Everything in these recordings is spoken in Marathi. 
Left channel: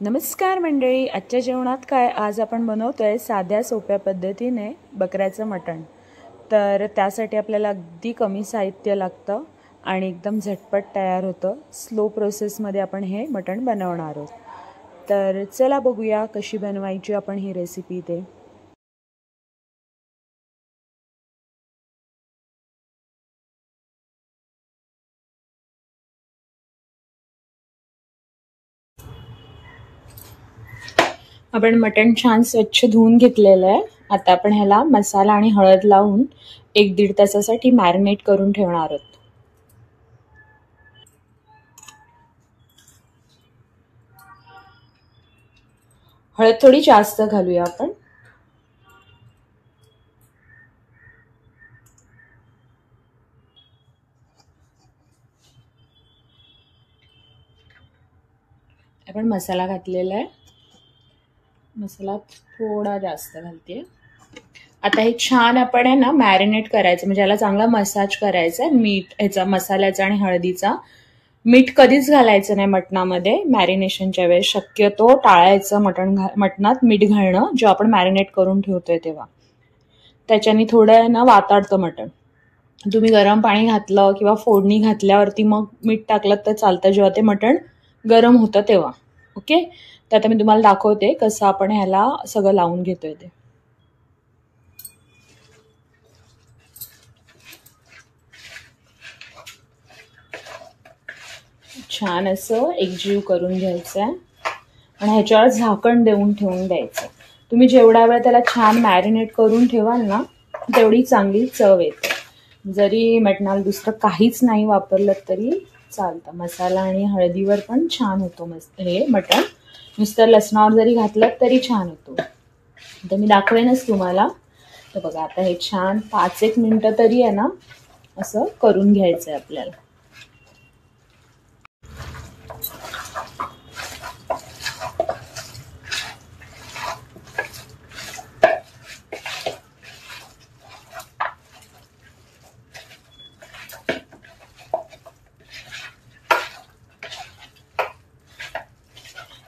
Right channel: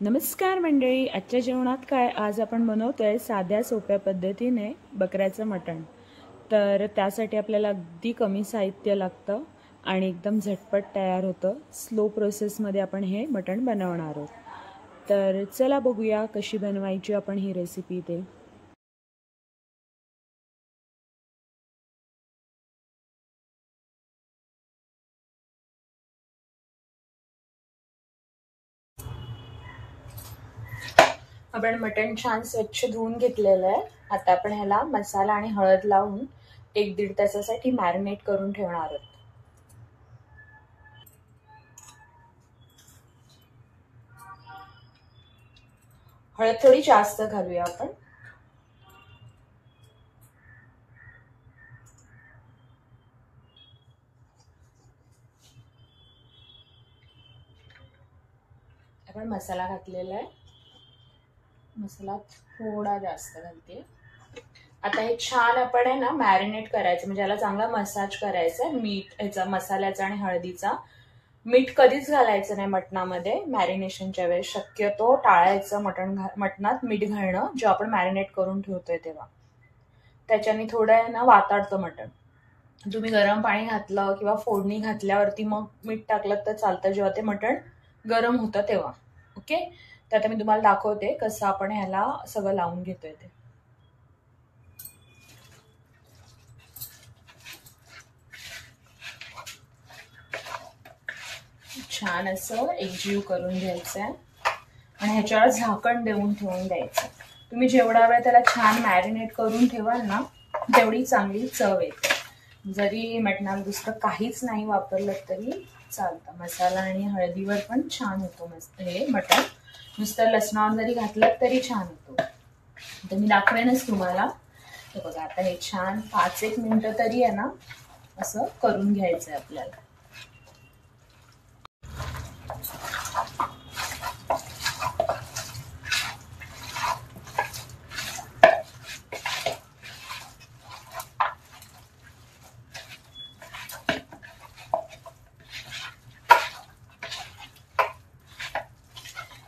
नमस्कार मंडळी, आजच्या जेवणात काय आज आपण बनवतोय साध्या सोप्या पद्धतीने बकऱ्याचं मटण। तर त्यासाठी आपल्याला अगदी कमी साहित्य लागतं आणि एकदम झटपट तयार होतं। स्लो प्रोसेसमध्ये आपण हे मटण बनवणार आहोत। तर चला बघूया कशी बनवायची आपण ही रेसिपी ते। आपण मटण छान स्वच्छ धुवून घेतलेलं आहे। आता आपण ह्याला मसाला आणि हळद लावून 1-1.5 तासासाठी मॅरिनेट करून ठेवणार आहोत। हळद थोडी जास्त घालूया आपण। आपण मसाला घातलेला आहे, मसाला थोडा जास्त घालते। आता हे छान आपण आहे ना मॅरिनेट करायचं, म्हणजे याला चांगला मसाज करायचा आहे। मीठ ह्याचा मसाल्याचा आणि हळदीचा। मीठ कधीच घालायचं नाही मटणामध्ये मॅरिनेशनच्या वेळेस, शक्यतो टाळायचं मटणात मीठ घालणं जेव्हा आपण मॅरिनेट करून ठेवतोय तेव्हा। त्याच्याने थोडं आहे ना वाताडतं मटण। तुम्ही गरम पाणी घातलं किंवा फोडणी घातल्यावरती मग मीठ टाकलं तर चालतं, जेव्हा ते मटण गरम होतं तेव्हा। ओके, तर आता मी तुम्हाला दाखवते कसं आपण ह्याला सगळं लावून घेतोय ते। छान असं एकजीव करून घ्यायचं आहे आणि ह्याच्यावर झाकण देऊन ठेवून द्यायचं। तुम्ही जेवढा वेळ त्याला छान मॅरिनेट करून ठेवाल ना तेवढी चांगली चव येते। जरी मटणाला दुसरं काहीच नाही वापरलं तरी चालतं, मसाला आणि हळदीवर पण छान होतो मस्त हे मटण। नुसतं लसणावर जरी घातलं तरी छान होतो। तर मी दाखवेनच तुम्हाला। तर बघा आता हे छान 5-1 मिनिटं तरी आहे ना असं करून घ्यायचंय आपल्याला।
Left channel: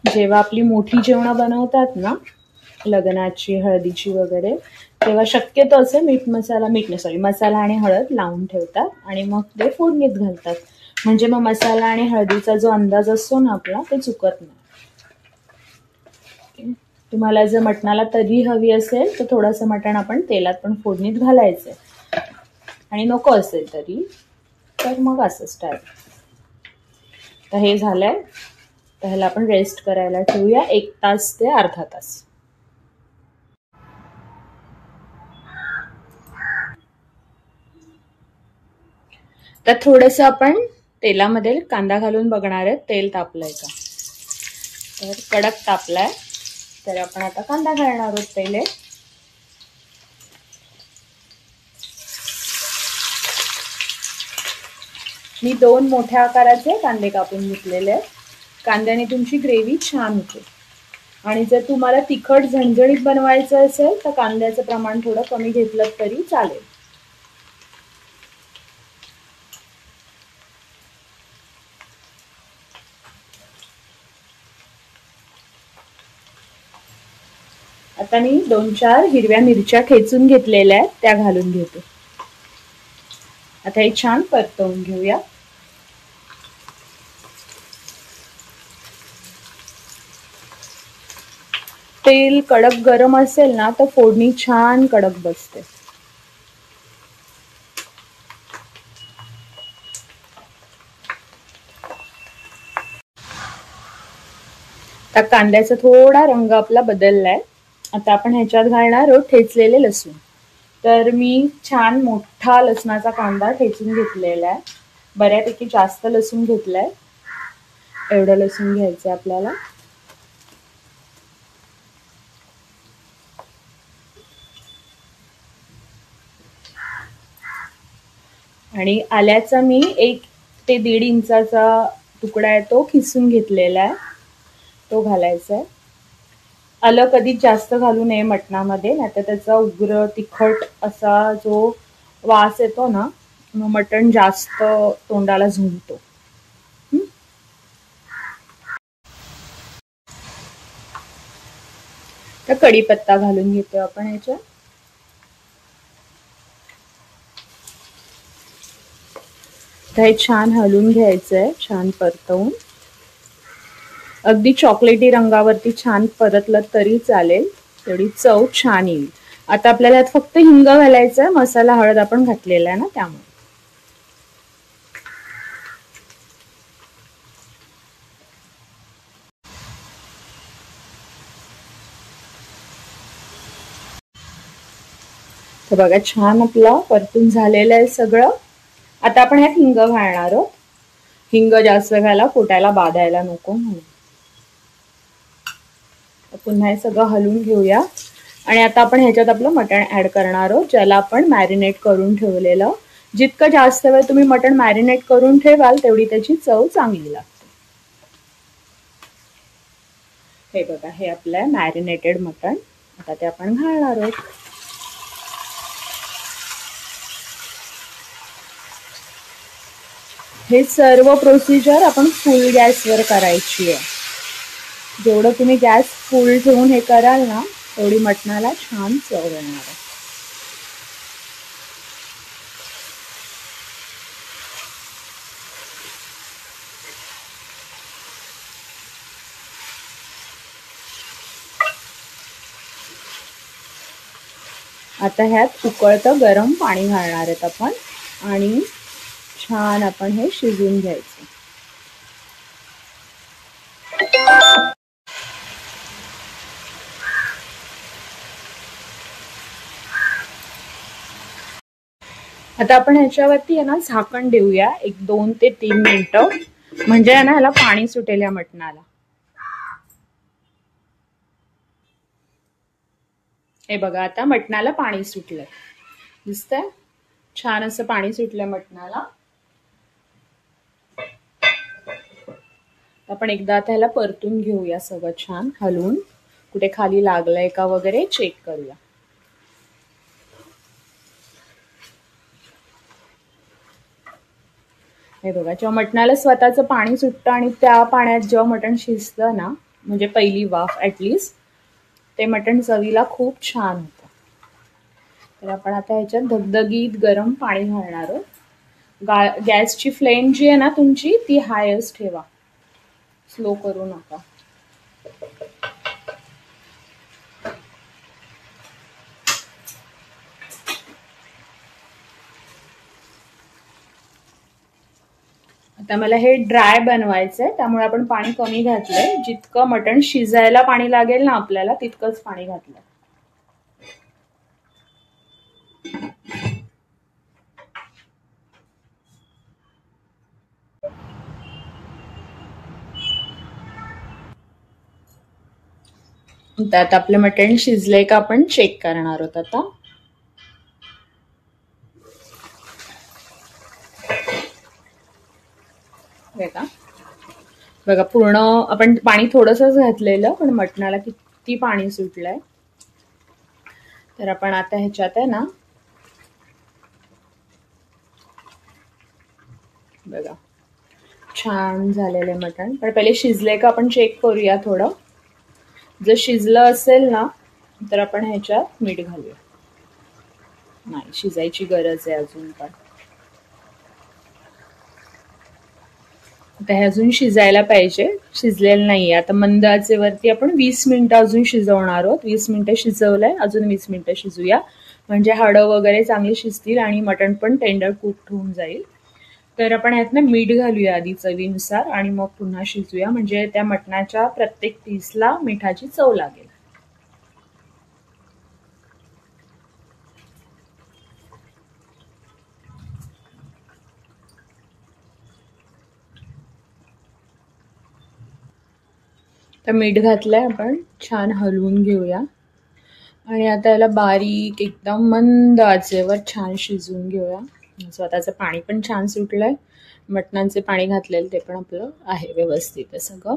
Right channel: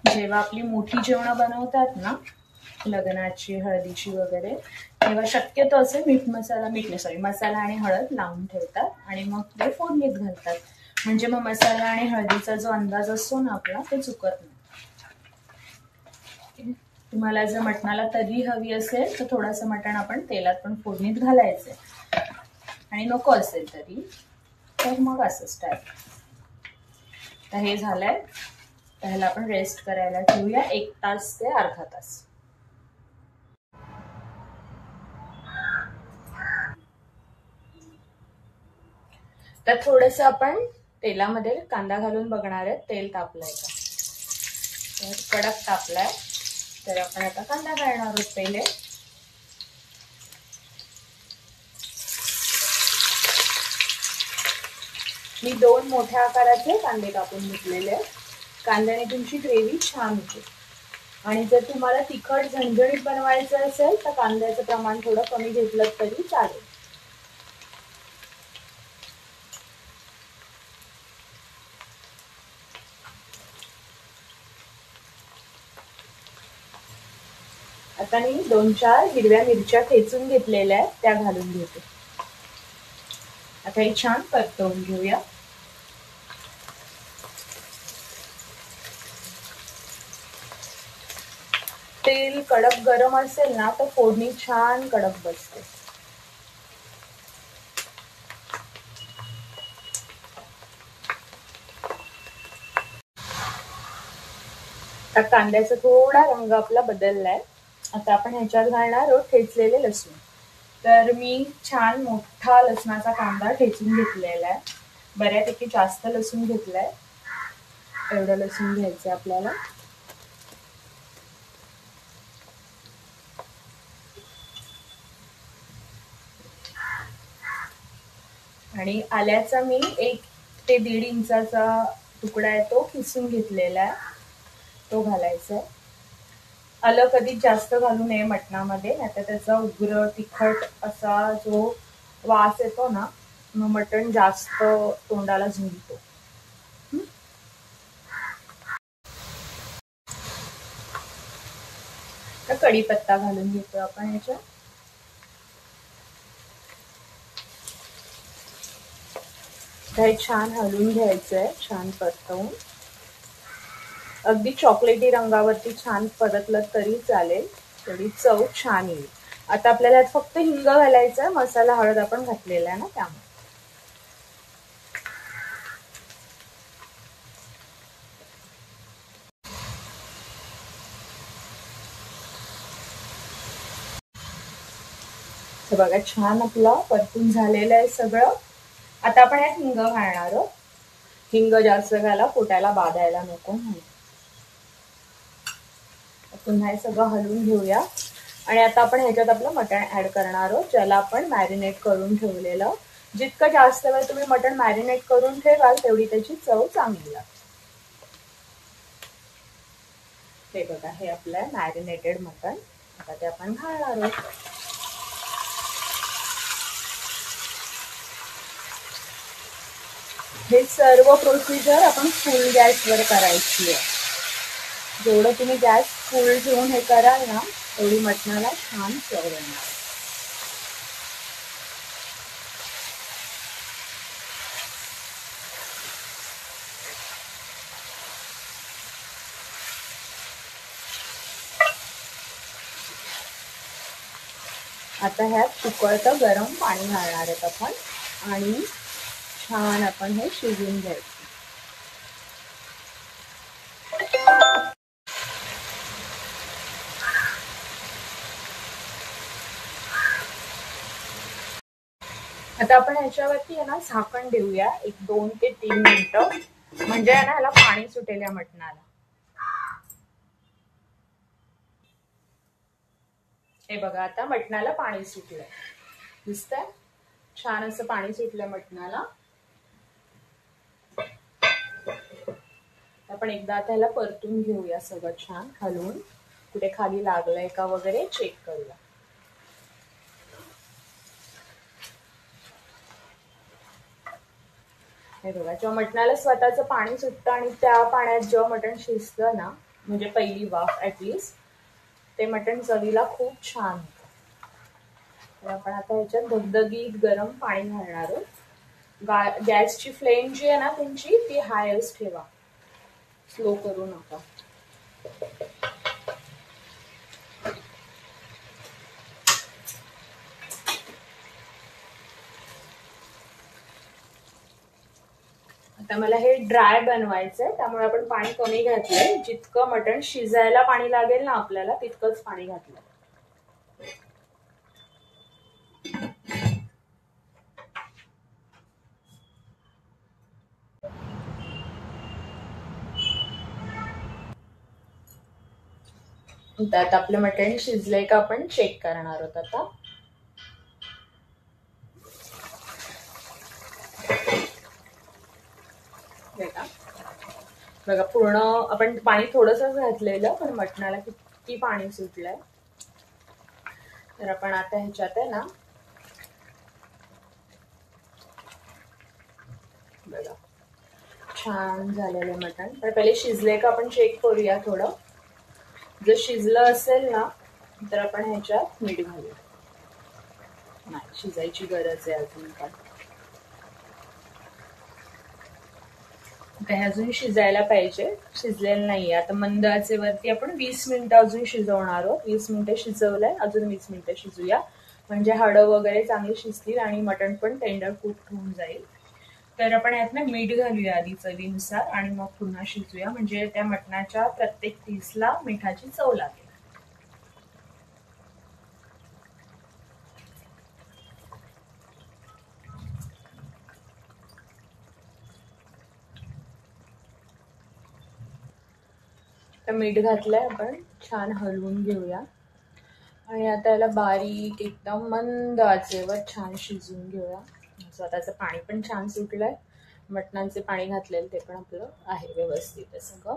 जेव्हा आपली मोठी जेवणं बनवतात ना लग्नाची, हळदीची वगैरे, तेव्हा शक्यतो असं मसाला आणि हळद लावून ठेवतात आणि मग ते फोडणीत घालतात। म्हणजे मग मसाला आणि हळदीचा जो अंदाज असतो ना आपला ते चुकत नाही। तुम्हाला जर मटणाला तर्री हवी असेल तर थोडंसं मटण आपण तेलात पण फोडणीत घालायचंय, आणि नको असेल तरी तर मग असं स्टाईल। तर हे झालंय, तर ह्याला आपण रेस्ट करायला ठेवूया 1 तास ते अर्धा तास। तर थोडंसं आपण तेलामध्ये कांदा घालून बघणार आहे तेल तापलंय का। तर कडक तापलाय, तर आपण आता कांदा घालणार आहोत पहिले। मी 2 मोठ्या आकाराचे कांदे कापून घेतलेले आहेत। कांद्याने तुमची ग्रेव्ही छान होते, आणि जर तुम्हाला तिखट झणझणीत बनवायचं असेल तर कांद्याचं प्रमाण थोडं कमी घेतलं तरी चालेल। आता मी 2-4 हिरव्या मिरच्या ठेचून घेतलेल्या आहेत, त्या घालून घेते। आता हे छान परतवून घेऊया। तेल कडक गरम असेल ना तर फोडणी छान कडक बसते। आता कांद्याचा थोडा रंग आपला बदललाय। आता आपण ह्याच्यात घालणार आहोत ठेचलेले लसूण। तर मी छान मोठा लसणाचा कांदा ठेचून घेतलेला आहे, बऱ्यापैकी जास्त लसूण घेतलाय। एवढं लसूण घ्यायचंय आपल्याला। आणि आल्याचा मी 1 ते 1.5 इंचाचा तुकडा आहे तो खिसून घेतलेला आहे, तो घालायचा आहे। आलं कधीच जास्त घालू नये मटणामध्ये, नाहीतर त्याचा उग्र तिखट असा जो वास येतो ना, मग मटण जास्त तोंडाला झुंजतो। तर कढीपत्ता घालून घेतो आपण ह्याच्यात. हे छान हलवून घ्यायचंय, छान परतवून. अगदी चॉकलेटी रंगावरती छान परतलं तरी चालेल, तेवढी चव छान येईल. आता आपल्याला यात फक्त हिंग घालायचंय, मसाला हळद आपण घातलेला आहे ना त्यामुळे. तर बघा छान आपलं परतून झालेलं आहे सगळं. आता आपण ह्यात हिंग घालणार आहोत. हिंग जास्त घाला, पोटाला बाधायला नको म्हणून. पुन्हा हे सगळं हलवून घेऊया. आणि आता आपण ह्याच्यात आपलं मटण ऍड करणार आहोत, ज्याला आपण मॅरिनेट करून ठेवलेलं. जितकं जास्त वेळ तुम्ही मटण मॅरिनेट करून ठेवाल तेवढी त्याची चव चांगली लागते. हे बघा, हे आपलं मॅरिनेटेड मटण. आता ते आपण घालणार आहोत. हे सर्व प्रोसिजर आपण फुल गॅसवर करायची आहे. जेवढं तुम्ही गॅस फुल ठेवून हे कराल ना, तेवढी मटणाला छान चव येणार. आता ह्यात उकळतं गरम पाणी घालणार आहेत आपण आणि छान आपण हे शिजवून घ्यायचं. आता आपण ह्याच्यावरती आहे ना झाकण देऊया 1-2 ते 3 मिनिटं, म्हणजे आहे ना ह्याला पाणी सुटेल या मटणाला. हे बघा, आता मटणाला पाणी सुटलंय, दिसतंय छान असं पाणी सुटलंय मटणाला. आपण एकदा आता ह्याला परतून घेऊया सगळं छान हलवून, कुठे खाली लागलंय का वगैरे चेक करूया. हे बघा, जेव्हा मटणाला स्वतःचं पाणी सुटतं आणि त्या पाण्यात जेव्हा मटण शिजतं ना, म्हणजे पहिली वाफ ऍटलिस्ट, ते मटण चवीला खूप छान होतं. तर आपण आता ह्याच्यात धगधगीत गरम पाणी घालणार आहोत. गॅसची फ्लेम जी आहे ना तुमची, ती हायच ठेवा, स्लो करू नका. आता मला हे ड्राय बनवायचंय, त्यामुळे आपण पाणी कमी घातलंय. जितकं मटण शिजायला पाणी लागेल ना आपल्याला, तितकंच पाणी घातलं. आता आपलं मटण शिजलंय का आपण चेक करणार आहोत आता. बघा, पूर्ण आपण पाणी थोडंसंच घातलेलं, पण मटणाला किती पाणी सुटलंय. तर आपण आता ह्याच्यात आहे ना, बघा छान झालेलं मटण. पण पहिले शिजलंय का आपण चेक करूया थोडं. जर शिजलं असेल ना तर आपण ह्याच्यात मीठ घालूया. नाही, शिजायची गरज आहे अजून पण. आता हे अजून शिजायला पाहिजे, शिजलेलं नाहीये. आता मंद आचेवरती आपण 20 मिनिटं अजून शिजवणार आहोत. 20 मिनिटं शिजवलंय, अजून 20 मिनिटं शिजूया, म्हणजे हाडं वगैरे चांगली शिजतील आणि मटण पण टेंडर कुक होऊन जाईल. तर आपण ह्यात ना मीठ घालूया आधी चवीनुसार आणि मग पुन्हा शिजूया, म्हणजे त्या मटणाच्या प्रत्येक पीसला मिठाची चव लागेल. तर मीठ घातलंय आपण, छान हलवून घेऊया आणि आता याला बारीक एकदम मंद आचेवर छान शिजवून घेऊया. स्वतःचं पाणी पण छान सुटलंय, मटणाचे पाणी घातलेलं ते पण आपलं आहे व्यवस्थित आहे सगळं,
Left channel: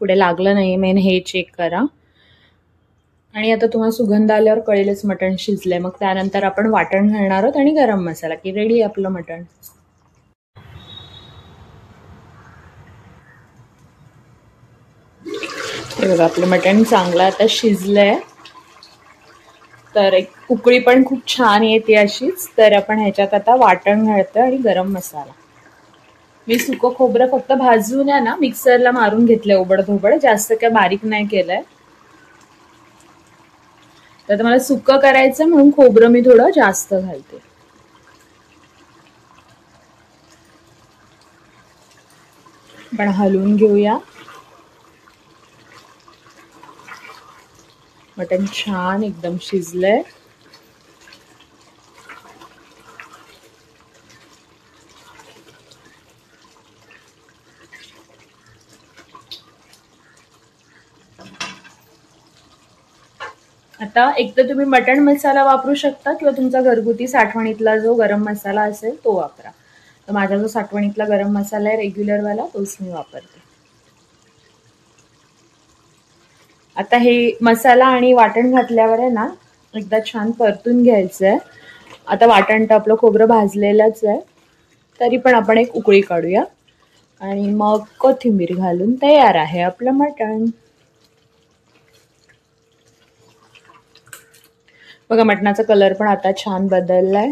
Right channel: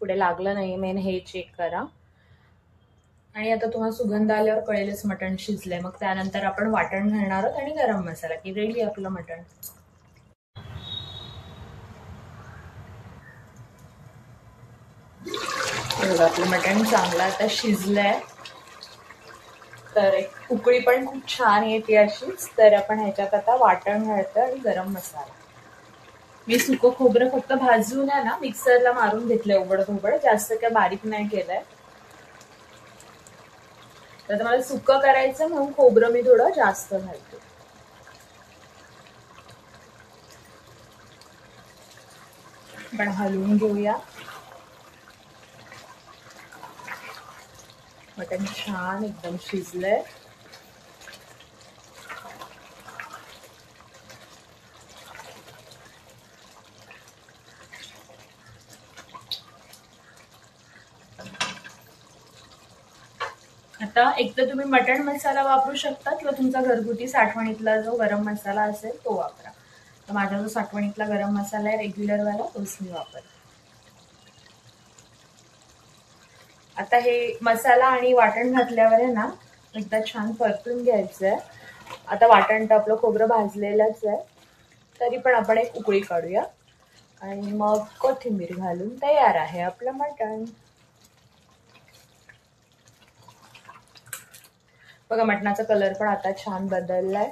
पुढे लागलं नाही, मेन हे चेक करा. आणि आता तुम्हाला सुगंध आल्यावर कळेलच मटण शिजलंय. मग त्यानंतर आपण वाटण घालणार आहोत आणि गरम मसाला, की रेडी आपलं मटण. बघा, आपलं मटण चांगलं आता शिजलंय तर एक उकळी पण खूप छान येते अशीच. तर आपण ह्याच्यात आता वाटण घालतोय आणि गरम मसाला. मी सुकं खोबरं फक्त भाजून आहे ना मिक्सरला मारून घेतलंय ओबडधोबड, जास्त काय बारीक नाही केलंय. तर मला सुकं करायचं म्हणून खोबरं मी थोडं जास्त घालते. आपण हलवून घेऊया. मटण छान एकदम शिजलंय. आता एक तर तुम्ही मटण मसाला वापरू शकता किंवा तुमचा घरगुती साठवणीतला जो गरम मसाला असेल तो वापरा. तर माझा जो साठवणीतला गरम मसाला आहे रेग्युलरवाला तोच मी वापरते. आता हे मसाला आणि वाटण घातल्यावर आहे ना एकदा छान परतून घ्यायचंय. आता वाटण तर आपलं खोबरं भाजलेलंच आहे, तरी पण आपण एक उकळी काढूया आणि मग कोथिंबीर घालून तयार आहे आपलं मटण. बघा मटणाचा कलर पण आता छान बदललाय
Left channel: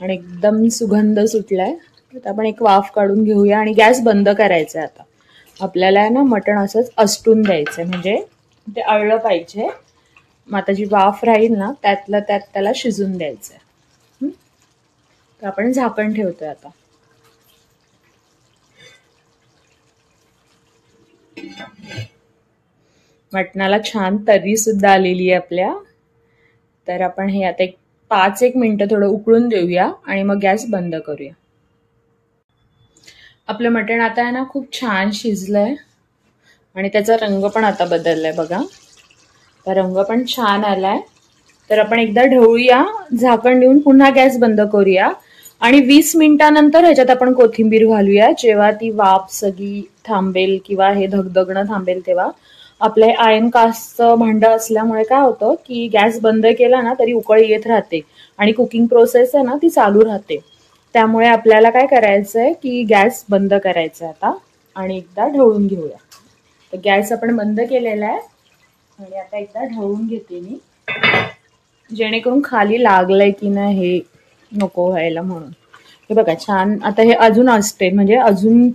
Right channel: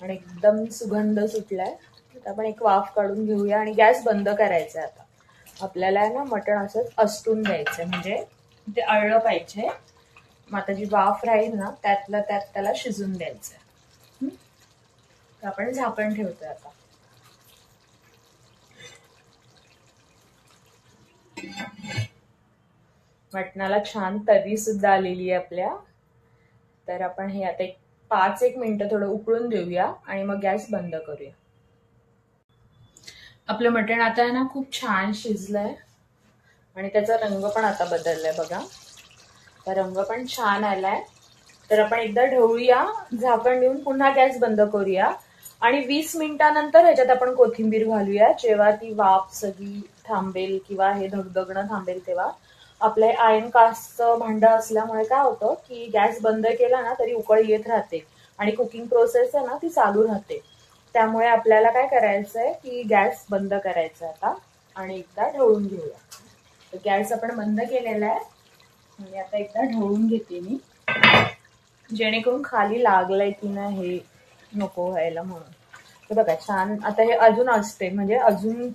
आणि एकदम सुगंध सुटलाय. आता आपण एक वाफ काढून घेऊया आणि गॅस बंद करायचा. आता आपल्याला आहे ना मटण असंच असटून द्यायचंय, म्हणजे ते अळलं पाहिजे. मग आता जी वाफ राहील ना त्यातलं त्यात त्याला शिजून द्यायचंय. तर आपण झाकण ठेवतोय आता. मटणाला छान तर्री सुद्धा आलेली आहे आपल्या. तर आपण हे आता एक 5-1 मिनिटं थोडं उकळून देऊया आणि मग गॅस बंद करूया. आपलं मटण आता आहे ना खूप छान शिजलंय आणि त्याचा रंग पण आता बदललाय बघा. तर रंग पण छान आलाय. तर आपण एकदा ढवळूया, झाकण देऊन पुन्हा गॅस बंद करूया आणि 20 मिनिटांनंतर ह्याच्यात आपण कोथिंबीर घालूया. जेव्हा ती वाफ सगळी थांबेल किंवा हे धगधगणं थांबेल तेव्हा. आपलं आयर्न कास्टचं भांडं असल्यामुळे काय होतं की गॅस बंद केला ना तरी उकळी येत राहते आणि कुकिंग प्रोसेस आहे ना ती चालू राहते. त्यामुळे आपल्याला काय करायचंय की गॅस बंद करायचा आता आणि एकदा ढवळून घेऊया. तर गॅस आपण बंद केलेला आहे आणि आता एकदा ढवळून घेते मी, जेणेकरून खाली लागलंय की नाही हे नको व्हायला म्हणून. हे बघा छान आता हे अजून असते, म्हणजे अजून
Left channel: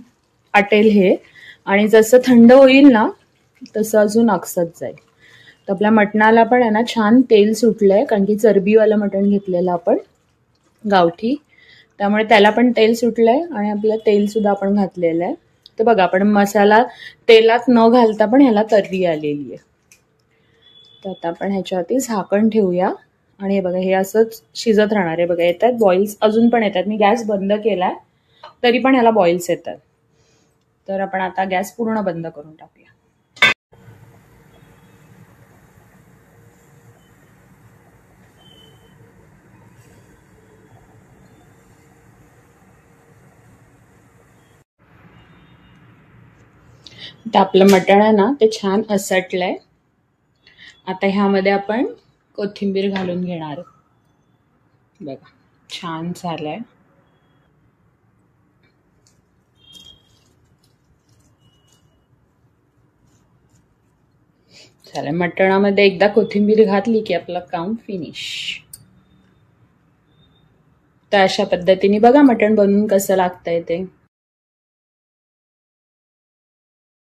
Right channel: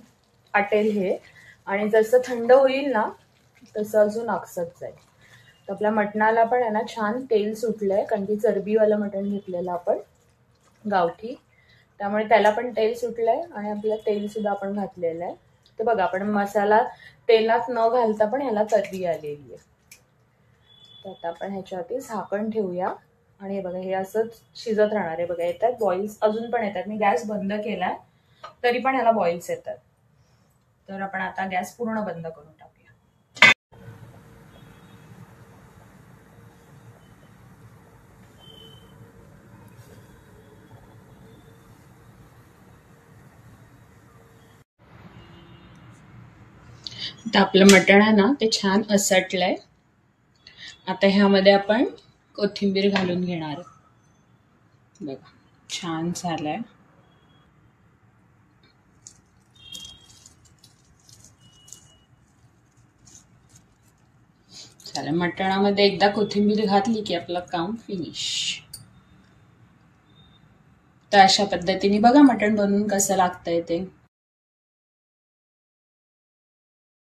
आटेल हे, आणि जसं थंड होईल ना तसं अजून अकसत जाईल. तर आपल्या मटणाला पण आहे ना छान तेल सुटलंय, कारण की चरबीवालं मटण घेतलेलं आपण गावठी, त्यामुळे त्याला पण तेल सुटलंय आणि आपलं तेल सुद्धा आपण घातलेलं आहे. तर बघा आपण मसाला तेलात न घालता पण ह्याला तर्री आलेली आहे. तर आता आपण ह्याच्यावरती झाकण ठेवूया आणि हे बघा हे असंच शिजत राहणार आहे. बघा येतात बॉईल्स, अजून पण येतात. मी गॅस बंद केलाय तरी पण ह्याला बॉईल्स येतात. तर आपण आता गॅस पूर्ण बंद करून टाकूया. तर आपलं मटण आहे ना ते छान असटलंय. आता ह्यामध्ये आपण कोथिंबीर घालून घेणार. बघा छान झालंय. झालं, मटणामध्ये एकदा कोथिंबीर घातली की आपलं काम फिनिश. तर अशा पद्धतीने बघा मटण बनवून कसं लागतंय ते.